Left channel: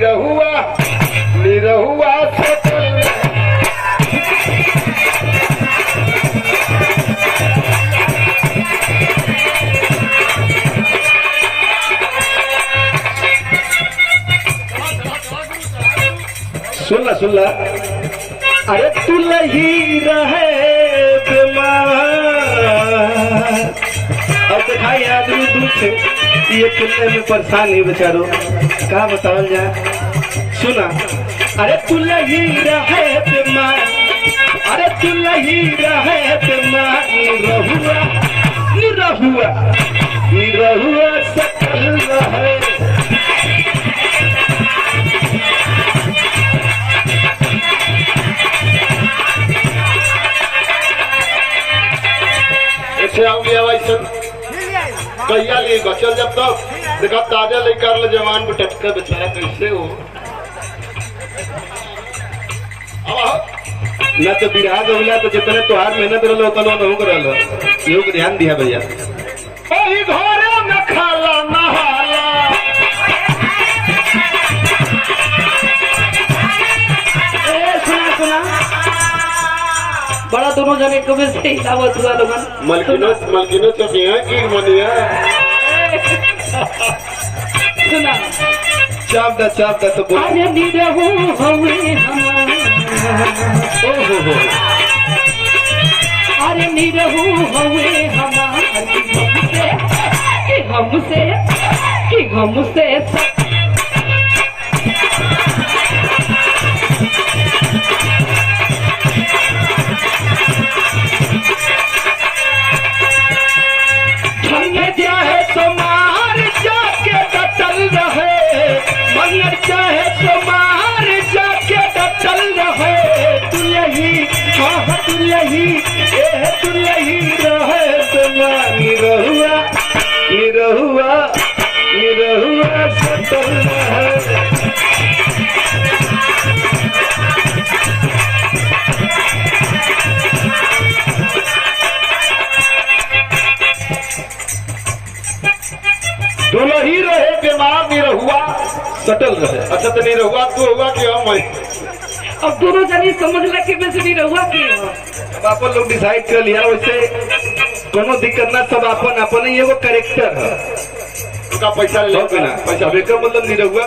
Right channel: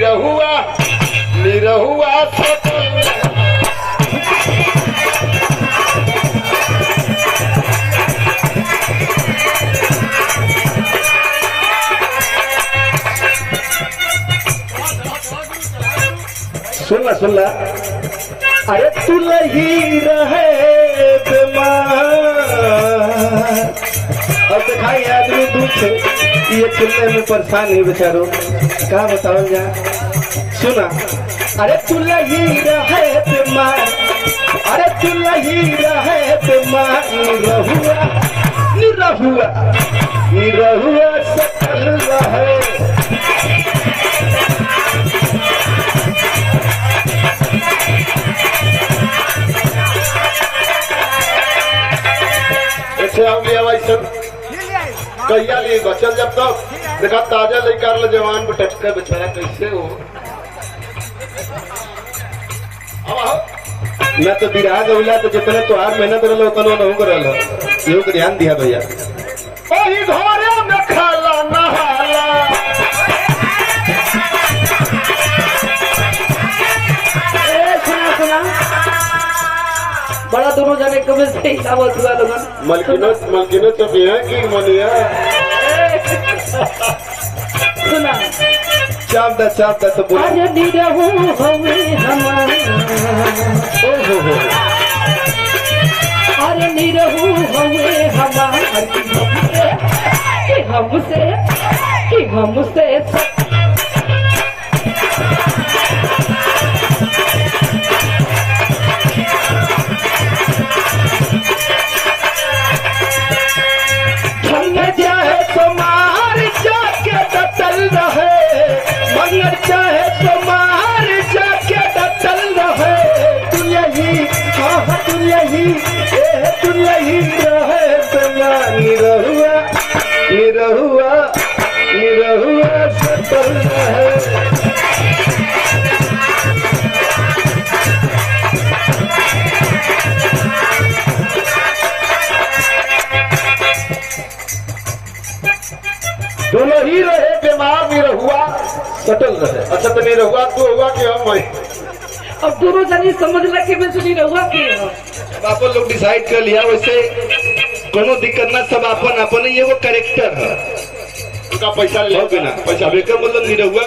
निरहुआ निरहुआ सुन ला अरे तू नहीं रहे अब दिखाई आदमी दूर से ये सुनने में परेशान है बेचारो कहा बताओ जाए सुना अरे तू नहीं रहे अरे तू नहीं रहे निरहुआ निरहुआ निरहुआ सकल रहे कहिया ले बचल जब तक देखा ताजा लेकर ले जवान को टटका बेचारा कैसे हो ना तो बिरहा गौला तो जितने तुहार मेहनत रहो उतना न हो रहा योग को ध्यान दिया भैया घोड़े में खाला नहाला सुना बड़ा दोनों जने कभी से हिसाबत हुआ लोगन मलकिनो तो है कि मनिया सुना चाप दा तो बोल अरे निरहु होवे हमारा अरे निरहु होवे हमारा कि हमसे चाहे तो मार जाके डटल रहे तू यही रहे तुम्हारी निरहुआ निरहुआ निरहुआ सटल रहे दोनों ही रहे बीमार निरहुआ सटल रहे। अच्छा तो निरहुआ तू हुआ कि हम अब दोनों जनी समझ लगे निरहुआ की अपन लोग डिसाइड कर लिया वैसे कोनो दिक्कत ना सब अपन अपन ही एगो करेक्टर है उनका पैसा ले लो बिना पैसा बेकर मतलब निरहुआ